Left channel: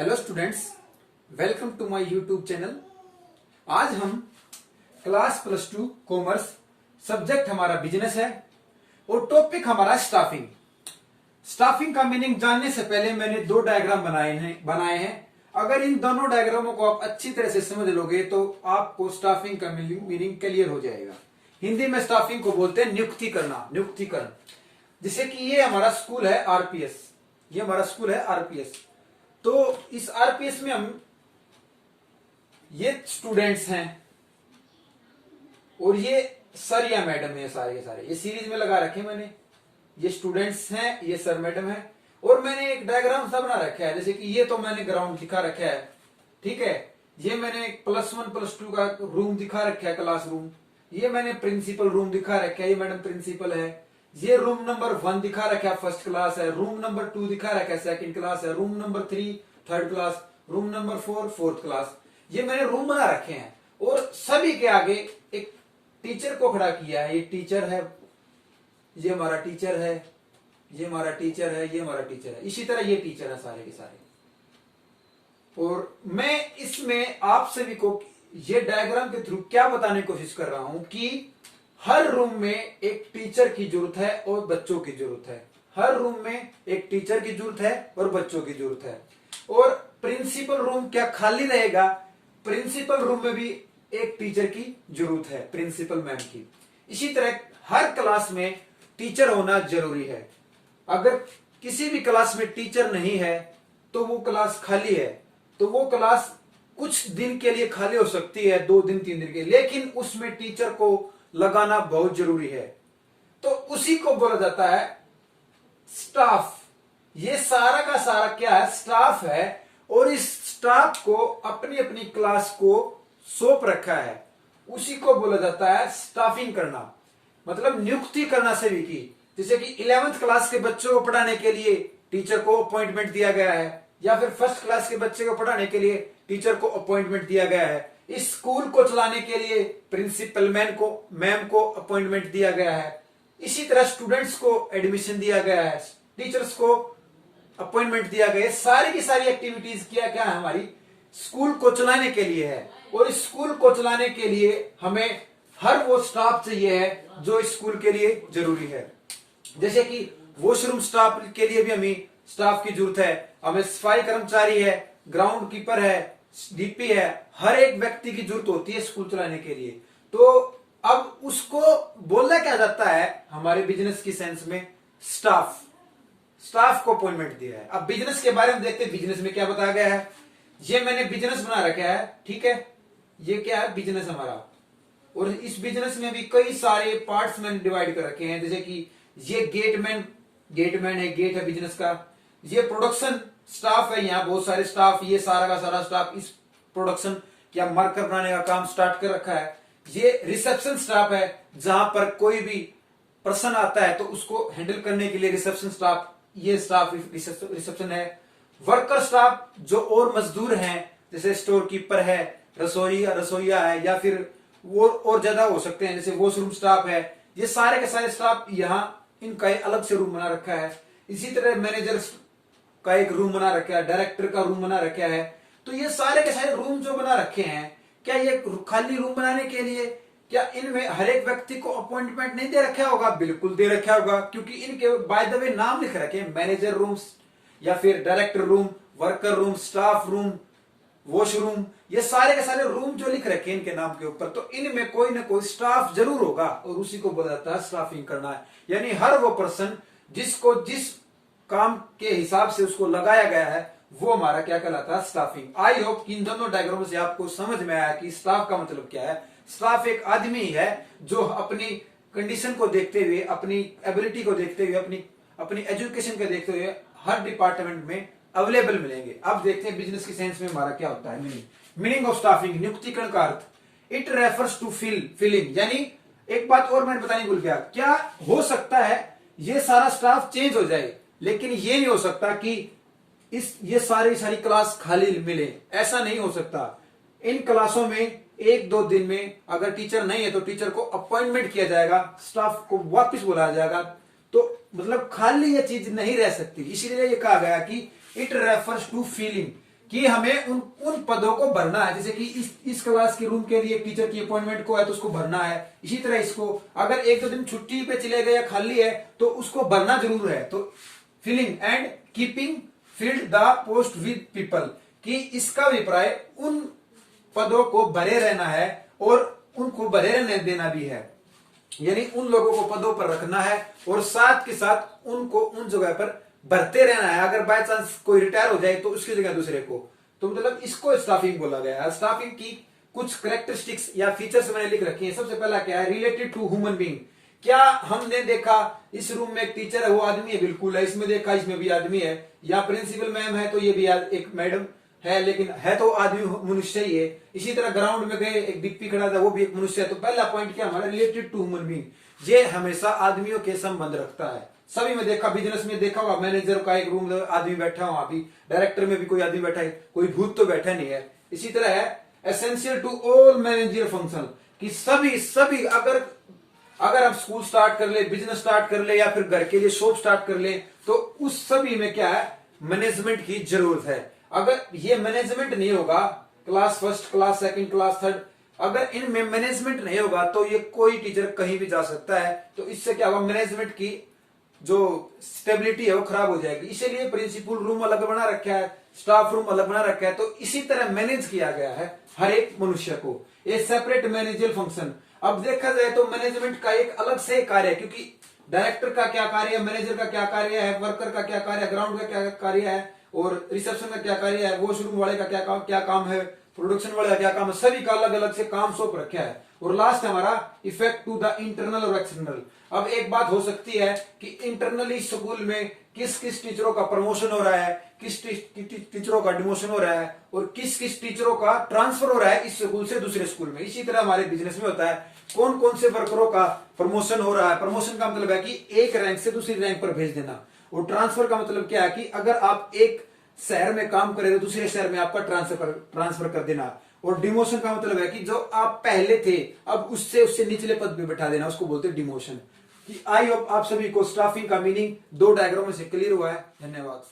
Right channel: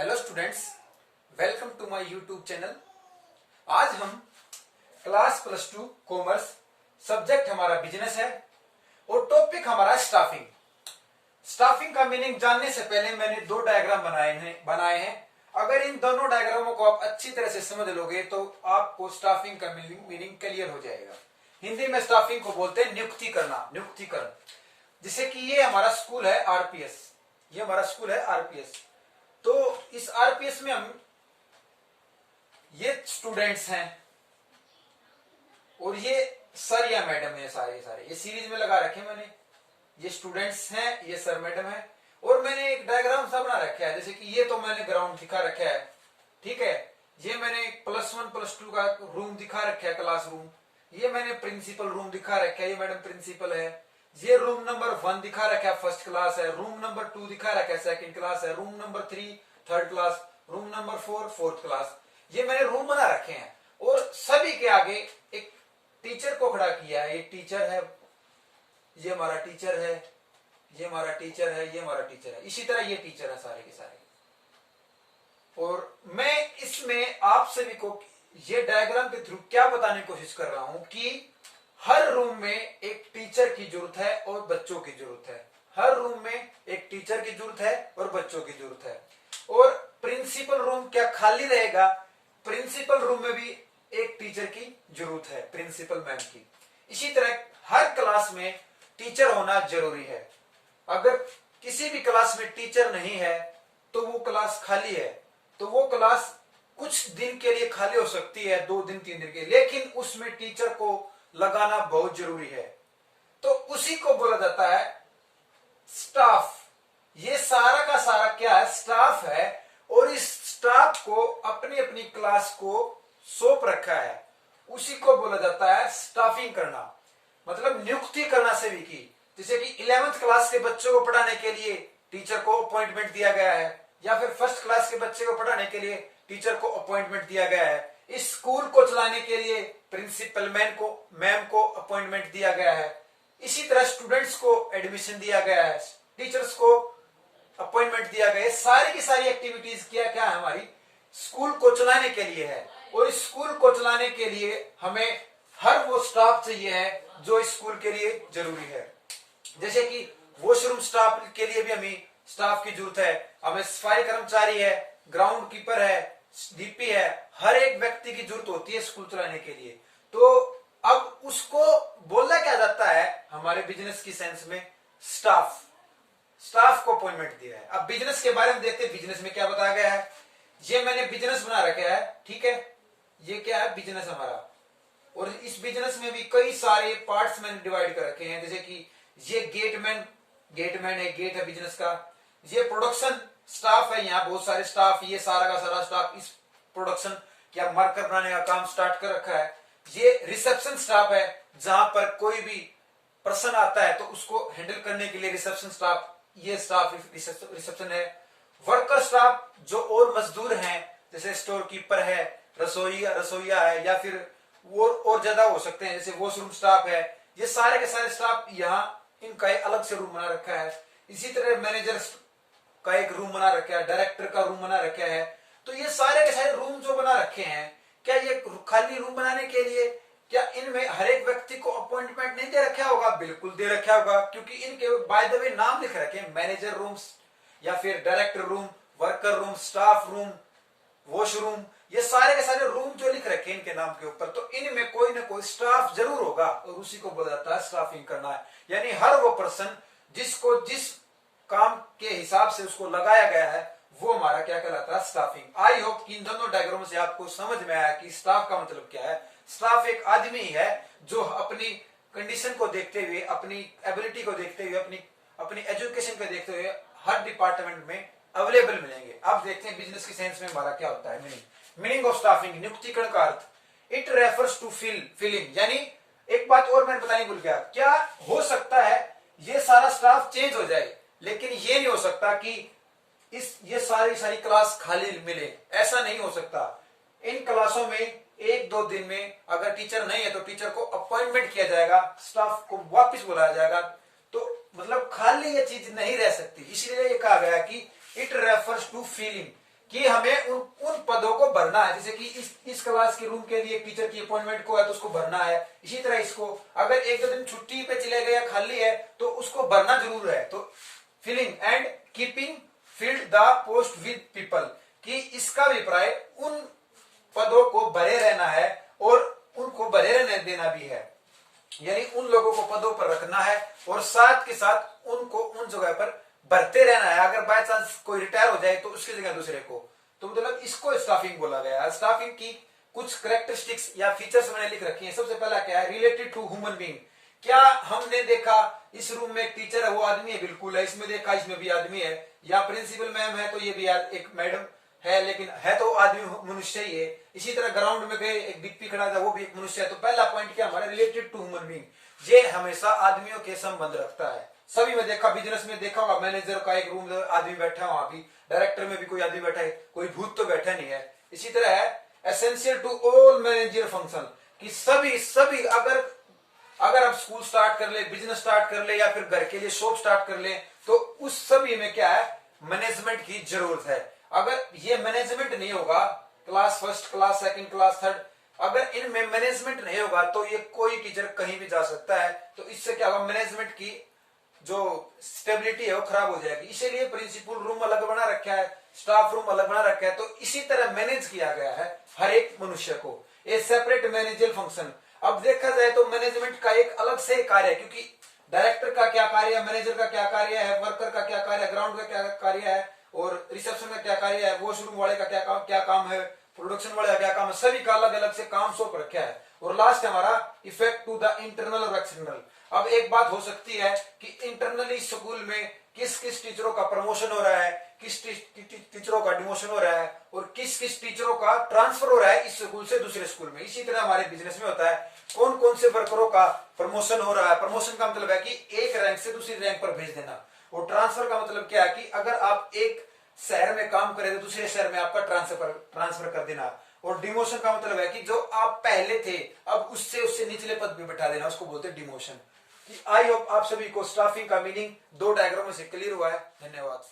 Hello students, welcome to my YouTube channel. आज हम class +2 commerce, subject हमारा business है और टॉपिक हमारा स्टाफिंग। स्टाफिंग का मीनिंग जानने से पहले मैंने दो डायग्राम बनाए हैं। अगर इन दोनों डायग्रामों को आप अच्छी तरह से समझ लोगे तो आपको स्टाफिंग का मीनिंग क्लियर हो जाएगा। हिंदी में स्टाफिंग को बोलते हैं नियुक्ति करना, नियुक्तिकरण। जैसे कि ये हमारा स्कूल है आरपीएस, ये हमारा स्कूल है आरपीएस। तो इस आरपीएस में हम ये स्टूडेंट्स हैं और ये सर या मैडम है, सारे के सारे ये सीरीज में लगा रखे मैंने। ये स्टूडेंट्स हैं, ये सर मैडम है और मैंने एक डायग्राम सा बना रखा है। जैसे कि ये तो मैंने ग्राउंड दिखा रखा है, ठीक है। ये मैंने +1 +2 का रूम दिखा रखा है, क्लासरूम। ये मैंने प्रिंसिपल रूम दिखा रखा है, ये मैडम प्रिंसिपल है। ये रूम नंबर 1 दिखा रखा है, फर्स्ट क्लास है। रूम नंबर 2 दिखा रखा है, सेकंड क्लास है। Room number 3 third class, room number 4 fourth class. ये मैंने रूम बना रखे हैं और सभी के आगे एक टीचर को खड़ा किया है। ये टीचर है, ये हमारा टीचर है, ये हमारा टीचर है, ये हमारा टीचर है। इसी तरह ये टीचर है सारे के सारे। और मैं इसमें आप सभी को ये डायग्राम के थ्रू क्या बताने की कोशिश कर रहा हूं कि हर रूम में एक टीचर की जरूरत है और बच्चों की जरूरत है। हर रूम में एक टीचर की जरूरत है और बच्चों की जरूरत है। और प्रिंसिपल रूम क्या खाली रहेगा? प्रिंसिपल रूम में भी एक टीचर की जरूरत है, प्रिंसिपल मैम की। इसी तरह हर क्लास में टीचर होना जरूरी है। अगर किसी भी क्लास में टीचर नहीं है तो वो क्लास खाली है। तो वो क्लास कुछ दिन के लिए खाली हो सकती है, 2 दिन 3 दिन के लिए, लेकिन उसमें टीचर को लगाना बहुत जरूरी है। तो उसी को बोला जाता है स्टाफ। ये सारा का सारा क्या है? स्टाफ है। और इस स्टाफ को अपनी अपनी क्लास को सौंप रखा है, उसी को बोला जाता है स्टाफिंग करना, मतलब नियुक्ति करना सभी की। जैसे कि 11th क्लास के बच्चों को पढ़ाने के लिए टीचर को अपॉइंटमेंट दिया गया है, या फिर फर्स्ट क्लास के बच्चे को पढ़ाने के लिए टीचर को अपॉइंटमेंट दिया गया है। इस स्कूल को चलाने के लिए प्रिंसिपल मैम को अपॉइंटमेंट दिया गया है। इसी तरह स्टूडेंट्स को एडमिशन दिया गया है, टीचर्स को अपॉइंटमेंट दिया गया है। सारी की सारी एक्टिविटीज क्या क्या है? हमारी स्कूल को चलाने के लिए है। और इस स्कूल को चलाने के लिए हमें हर वो स्टाफ चाहिए है जो इस स्कूल के लिए जरूरी है। जैसे कि वॉशरूम स्टाफ के लिए भी हमें स्टाफ की जरूरत है, हमें सफाई कर्मचारी है, ग्राउंड कीपर है, डीपी है। हर एक व्यक्ति की जरूरत होती है स्कूल चलाने के लिए। तो अब उसको बोलना क्या जाता है हमारे बिजनेस की सेंस में? स्टाफ। स्टाफ को अपॉइंटमेंट दिया है। अब बिजनेस के बारे में देखते हैं, बिजनेस में क्या बताया गया है। ये मैंने बिजनेस बना रखा है, ठीक है। ये क्या है? बिजनेस हमारा। और इस बिजनेस में भी कई सारे पार्ट्स मैंने डिवाइड कर रखे हैं। जैसे कि ये गेटमैन है, गेट है बिजनेस का। ये प्रोडक्शन स्टाफ है, यहाँ बहुत सारे स्टाफ, ये सारा का सारा स्टाफ इस प्रोडक्शन या मार्कर बनाने का काम स्टार्ट कर रखा है। ये रिसेप्शन स्टाफ है, जहां पर कोई भी पर्सन आता है तो उसको हैंडल करने के लिए रिसेप्शन स्टाफ, ये स्टाफ रिसेप्शन है। वर्कर स्टाफ जो और मजदूर हैं, जैसे स्टोर कीपर है, रसोईया है, या फिर वो और ज्यादा हो सकते हैं, जैसे वॉशरूम स्टाफ है। ये सारे के सारे स्टाफ यहाँ इनका अलग से रूम बना रखा है। इसी तरह मैनेजर का एक रूम बना रखा है, डायरेक्टर का रूम बना रखा है। तो ये सारे के सारे रूम जो बना रखे हैं, क्या ये खाली रूम बनाने के लिए क्या इनमें हर एक व्यक्ति को अपॉइंटमेंट नहीं दे रखा होगा? बिल्कुल दे रखा होगा, क्योंकि इनके बाय द वे नाम लिख रखे हैं, मैनेजर रूम या फिर director room, worker room, staff room, washroom. ये सारे के सारे रूम जो लिख रखे हैं इनके नाम के ऊपर, तो इनमें कोई ना कोई स्टाफ जरूर होगा और उसी को बोला जाता है स्टाफिंग करना है। यानी हर वो पर्सन जिसको जिस काम के हिसाब से उसको लगाया गया है, वो हमारा क्या कहलाता है? स्टाफिंग। आई होप कि इन दोनों डायग्राम से आपको समझ में आया कि स्टाफ का मतलब क्या है। स्टाफ एक आदमी है जो अपनी कंडीशन को देखते हुए, अपनी एबिलिटी को देखते हुए, अपनी एजुकेशन को देखते हुए हर डिपार्टमेंट में अवेलेबल मिलेंगे। अब देखते हैं बिजनेस की सेंस में हमारा क्या होता है मीनिंग ऑफ स्टाफिंग। नियुक्तिकरण का अर्थ, इट रेफर्स टू फिलिंग। यानी एक बात और मैंने बतानी भूल गया, क्या हो सकता है ये सारा स्टाफ चेंज हो जाए, लेकिन ये नहीं हो सकता कि ये सारी क्लास खाली मिले। ऐसा नहीं हो सकता। इन क्लासों में 1-2 दिन में अगर टीचर नहीं है तो टीचर को अपॉइंटमेंट किया जाएगा, स्टाफ को वापस बुलाया जाएगा। तो मतलब खाली ये चीज नहीं रह सकती। इसीलिए ये कहा गया कि इट रेफर्स टू फीलिंग, कि हमें उन उन पदों को भरना है। जैसे कि इस क्लास के रूम के लिए टीचर की अपॉइंटमेंट को है तो उसको भरना है। इसी तरह इसको अगर एक दो दिन छुट्टी पे चले गए या खाली है तो उसको भरना जरूर है। तो filling and keeping filled the post with people, कि इसका अभिप्राय उन पदों को भरे रहना है और उनको भरे रहने देना भी है, यानी उन लोगों को पदों पर रखना है और साथ के साथ उनको उन जगह पर भरते रहना है। अगर बाय चांस कोई रिटायर हो जाए तो उसकी जगह दूसरे को, तो मतलब इसको स्टाफिंग बोला गया है। स्टाफिंग की कुछ करेक्टरिस्टिक्स या फीचर्स मैंने लिख रखी है। सबसे पहला क्या है, रिलेटेड टू ह्यूमन बीइंग। क्या हमने देखा इस रूम में एक टीचर है, वो आदमी है, बिल्कुल है। इसमें देखा इसमें भी आदमी है, या प्रिंसिपल मैम है तो ये भी एक मैडम है, लेकिन है तो आदमी मनुष्य ही है। इसी तरह ग्राउंड में गए एक डिप्पी खड़ा था, वो भी एक मनुष्य है। तो पहला पॉइंट क्या हमारा, रिलेटेड टू ह्यूमन बीइंग। ये हमेशा आदमियों के संबंध रखता है। सभी में देखा, बिजनेस में देखा होगा, मैनेजर का एक रूम आदमी बैठा हुआ, अभी डायरेक्टर में भी कोई आदमी बैठा है, कोई भूत तो बैठा नहीं है। इसी तरह है essential to all manager function, कि सभी अगर आप स्कूल स्टार्ट कर ले, बिजनेस स्टार्ट कर ले, या फिर घर के लिए शॉप स्टार्ट कर ले, तो उस सभी में क्या है, मैनेजमेंट की जरूरत है। अगर ये मैनेजमेंट नहीं होगा, class first, class second, class third, अगर इनमें मैनेजमेंट नहीं होगा तो ये कोई टीचर कहीं भी जा सकता है। तो इससे क्या होगा, मैनेजमेंट की जो स्टेबिलिटी है वो खराब हो जाएगी। इसीलिए प्रिंसिपल रूम अलग बना रखा है, स्टाफ रूम अलग बना रखा है। तो इसी तरह मैनेज किया गया है हर एक मनुष्य को, ये सेपरेट मैनेजर फंक्शन। अब देखा जाए तो मैनेजमेंट का एक अलग से कार्य है, क्योंकि डायरेक्टर का क्या कार्य है, मैनेजर का क्या कार्य है, वर्कर का क्या कार्य है, ग्राउंड का क्या कार्य है, और रिसेप्शन का क्या कार्य है, वॉशरूम वाले का क्या काम है, प्रोडक्शन वाले का क्या काम है। सभी का अलग अलग से काम सौंप रखा है। और लास्ट हमारा इफेक्ट टू द इंटरनल और एक्सटर्नल। अब एक बात हो सकती है कि इंटरनली स्कूल में किस किस टीचरों का प्रमोशन हो रहा है, किस टीचरों का डिमोशन हो रहा है, और किस किस टीचरों का ट्रांसफर हो रहा है इस स्कूल से दूसरे स्कूल में। इसी तरह हमारे बिजनेस में होता है, कौन कौन से वर्करों का प्रमोशन हो रहा है। प्रमोशन का मतलब है कि एक रैंक से दूसरी रैंक पर भेज देना, और ट्रांसफर का मतलब क्या है कि अगर आप एक शहर में काम करें तो दूसरे शहर में आपका ट्रांसफर कर देना। और डिमोशन का मतलब है कि जो आप पहले थे अब उससे निचले पद पे बैठा देना, उसको बोलते हैं डिमोशन। आई होप आप सभी को स्टाफिंग का मीनिंग 2 डायग्राम में से क्लियर हुआ है। धन्यवाद।